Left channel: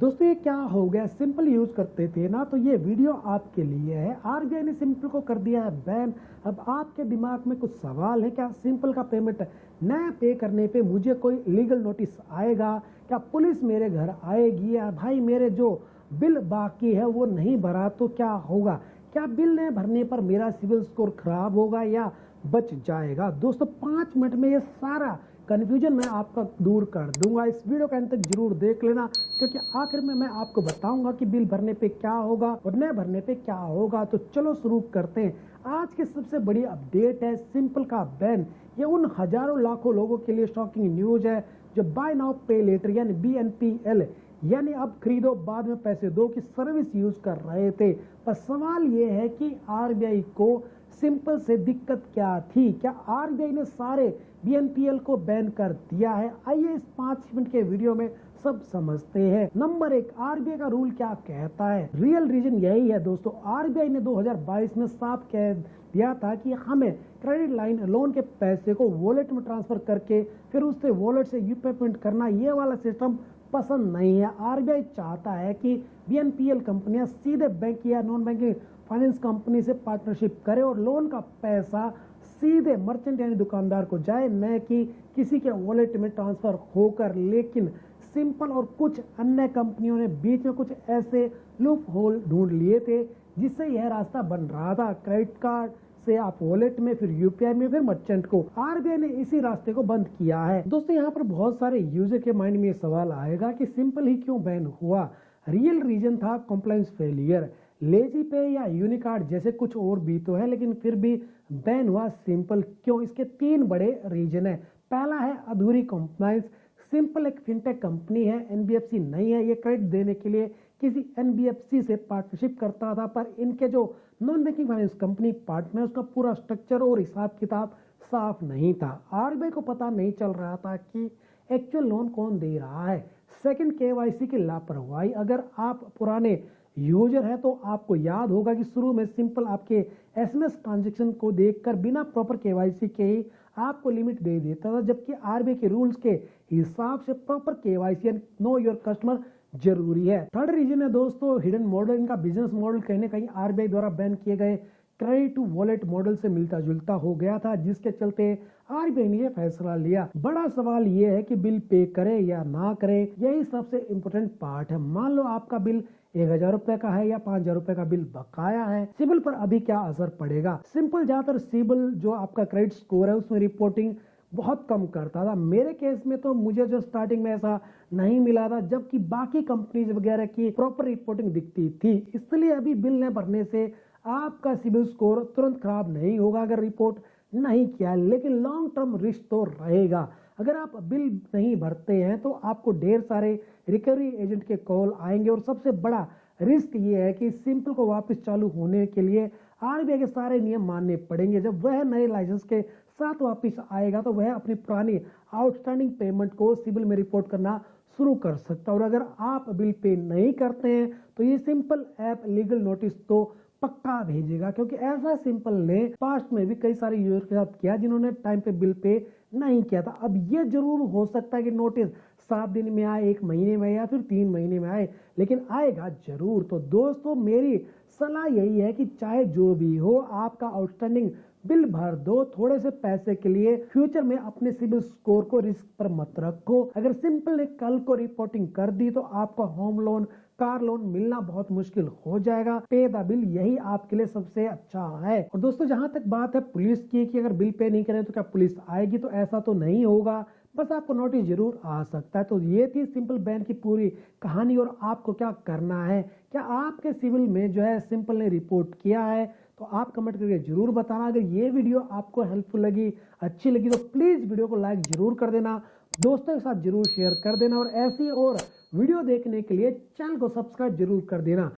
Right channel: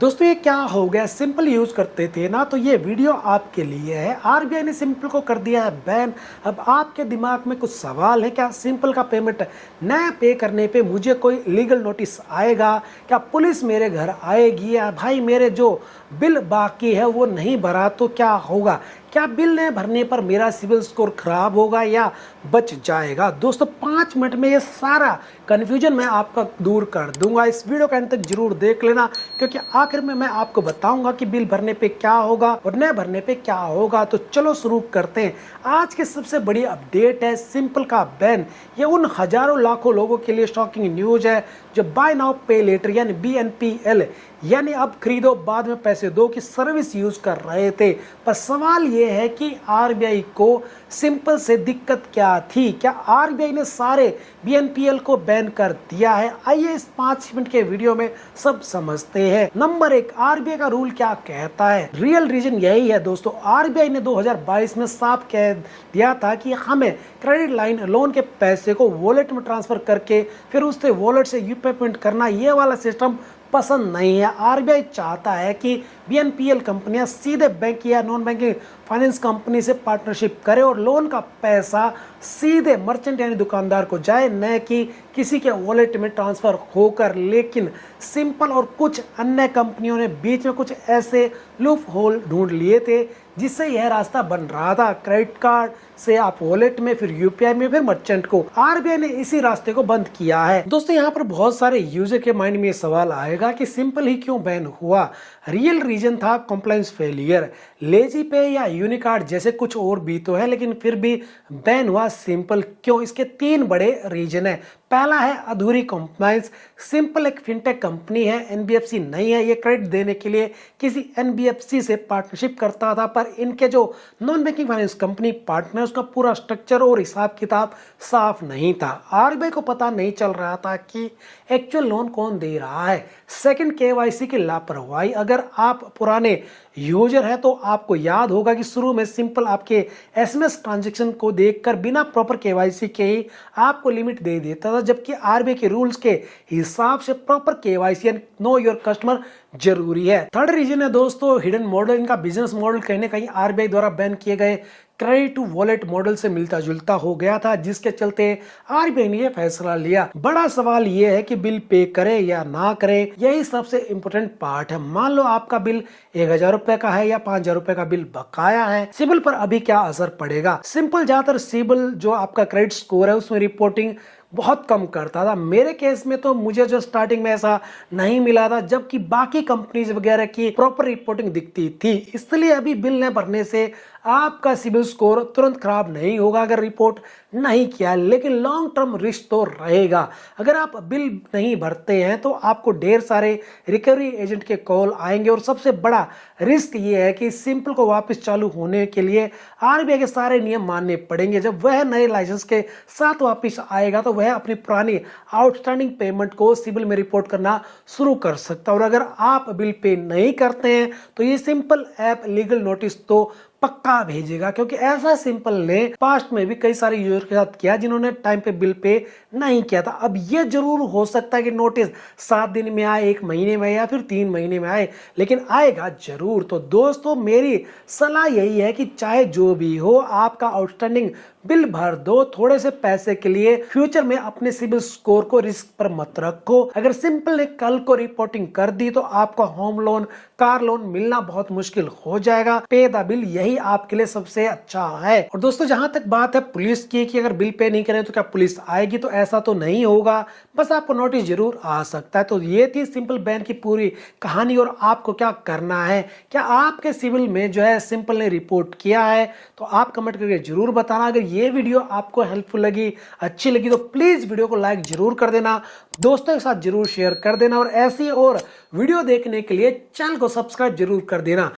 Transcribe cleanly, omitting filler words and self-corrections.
दोस्तों ये क्या हो गया, सिंपल यूज़ करते थे ना, तो ये वीडियो आपके लिए है। आरबीआई ने सिंपल को कर दिया है बैन। अब आपके दिमाग में कुछ सवाल है, क्या सिंपल का पेमेंट न पे करने पे मुझे कोई लीगल नोटिस आएगा? क्या पुलिस मेरे घर आएगी? या भाई मेरे जो बिल बाकी है वो नहीं भरा तो क्या होगा? क्या बिल न भरने पर मेरा सिविल स्कोर खराब होगा या बच जाएगा? दोस्तों 5 मिनट में ये सारा कन्फ्यूजन मैं आपका दूर कर दूंगा। इस वीडियो के अंत तक जरूर देख लेना, क्योंकि आखिर में मैं आपको बताऊंगा कि बिल भरने पे क्या होगा और न भरने पे क्या होगा। तो चलो शुरू करते हैं। आज की सबसे बड़ी अपडेट है सिंपल का बैन। ये उन हजारों लाखों लोगों के लिए शॉकिंग न्यूज है जो बाय नाउ पे लेटर यानी BNPL यानी अब खरीदो बाद में पैसे दो की सर्विस यूज कर रहे थे। पर सवाल ये है कि आरबीआई को सिंपल से दिक्कत क्या थी? क्या आरबीआई ने सारे BNPL को बैन कर दिया है? आइए इस 5 मिनट के वीडियो में सब समझते हैं। नंबर 1, आरबीआई का रूल क्या कहता है? रियल रीजन यही है दोस्तों। आरबीआई ने 2022 में साफ कह दिया था कि हमें क्रेडिट लाइन लोन के पैसे को वॉलेट में ट्रांसफर करके फिर उससे वॉलेट से यूपीआई पेमेंट करना, ये वाला सिस्टम पसंद नहीं है। आरबीआई चाहता है कि BNPL कंपनियां सीधे बैंक या नॉन बैंकिंग फाइनेंस कंपनी से पार्टनरशिप करें और लोन का पैसा सीधे मर्चेंट यानी दुकानदार को जाए, न कि किसी के वॉलेट में ट्रांसफर होकर। लेकिन सिंपल और कुछ अन्य कंपनियों ने बीच में कुछ ऐसे लूप होल ढूंढ लिए थे जिससे यह रास्ता बन रहा था। क्रेडिट कार्ड से आप वॉलेट में, फिर यूपीआई में, फिर मर्चेंट को। आरबीआई ने इसी रास्ते को बंद किया है। दोस्तों यहाँ पर बहुत सारे यूजर के माइंड में ये सवाल आएगा कि सिंपल ही क्यों बैन हुआ? रियल रीजन था कंप्लायंस फेलियर। लेजी पे या यूनिकार्ड जैसे कुछ और भी तो है, लेकिन फिर भी बैन हुआ सिंपल क्यों? इसके 3 बड़े रीजन है। पहला है अधूरी कंप्लायंस। सिंपल एक फिनटेक कंपनी है, एनबीएफसी नहीं है। ये क्रेडिट देने के लिए किसी एनबीएफसी से पार्टनरशिप करता था, पर इनके जो non banking finance company partner, उसका पूरा स्ट्रक्चर और हिसाब किताब साफ नहीं था। आरबीआई को पता नहीं चल रहा था कि एक्चुअल लोन कौन दे रहा है। सेकंड, केवाईसी की लापरवाही। अगर आप पुराने यूजर है तो आपको याद होगा कि शुरू में सिंपल आपके एसएमएस ट्रांजैक्शन को देखकर बिना प्रॉपर केवाईसी के ही आपको लिमिट दे देता था, जबकि आरबीआई के रूल्स के हिसाब से प्रॉपर केवाईसी यानी नो योर कस्टमर जरूरी है। थर्ड रीजन है दोस्तों हिडन मॉडल। इनका बिजनेस मॉडल कहीं ना कहीं आरबीआई द्वारा बैन किए गए क्रेडिट टू वॉलेट मॉडल से मिलता जुलता हो गया था, जिसके चलते आरबीआई ने यह फैसला लिया। बड़ा सवाल यह है कि बिल पे करे या ना करे, यही सबसे इंपॉर्टेंट पार्ट है। मान लो आपका बिल 1000 रुपए का है या 5000 रुपए का बिल बकाया है, सिबिल पर अभी क्या असर पड़ेगा? सिंपल ज्यादातर सिबिल जो आपका क्रेडिट स्कोर है उसमें रिपोर्टिंग बहुत कम करता था। मेरे केस में तो मुझे जो स्टार्टिंग में ऐसा नहीं मिला था, जबकि बाकी कंपनीज वगैरह की प्रॉपर रिपोर्टिंग दिखती थी। इसलिए अभी बिल न भरने से आपका सिबिल स्कोर तुरंत खराब नहीं होगा अगर रिपोर्ट नहीं किया, लेकिन लॉन्ग टर्म रिस्क तो रहेगा। अगर आप बिल नहीं भरते हैं तो आपको ढेर सारे रिकवरी एजेंट के कॉल आएंगे, और सबसे बड़ा रिस्क ये है कि सिंपल को वापस चालू होने के लिए आरबीआई के सारे नियम मानने पड़ेंगे। जब वह नए लाइसेंस के साथ वापस आएगा तो वह अपनी पुरानी आउटस्टैंडिंग पेमेंट को सिबिल में रिपोर्ट करना शुरू कर सकता है। और अगर आप बिल पे नहीं करते हैं तो ये सिंपल ऐप लीगल नोटिस तो पक्का भेजेगा, क्योंकि ऐसा सिंपल ने पास्ट में भी कई सारे यूजर के साथ किया जिन्होंने टाइम पे बिल पे नहीं किया था। अब ये जरूर हो सकता है कि नोटिस 7 दिन में आए, 1 महीने में या फिर 3 महीने में आए, लेकिन आएगा जरूर। तो दोस्तों मेरी सलाह यही है कि चाहे जो भी हो, आपका आउटस्टैंडिंग बिल भर दो। थोड़े से पैसे के लिए फ्यूचर में अपने सिबिल स्कोर को रिस्क पर मत रखो। अगर सिंपल ने कल को रिपोर्टिंग कर दी तो आपका होम लोन, कार लोन मिलना बहुत मुश्किल हो जाएगा। पे द बिल यही आपके लिए सबसे अच्छा है। और दोस्तों जहां तक बात है पुलिस की कि अगर बिल पे नहीं करें तो क्या पुलिस आएगी, तो ऐसा तो नहीं होगा, बस आपको नोटिस जरूर आ सकता है। तो ये थी सिंपल बैन की पूरी कहानी। और आपको क्या करना है, क्या आपके सिविल में जो है सिंपल ने रिपोर्ट किया है? तो आप कमेंट करके जरूर बताना। अगर ये वीडियो आपको हेल्पफुल लगी, अच्छी लगी, तो प्लीज वीडियो को लाइक जरूर कर देना, दोस्तों के साथ जरूर शेयर कर देना, और ऐसी और वीडियो देखने के लिए चैनल को सब्सक्राइब जरूर कर देना।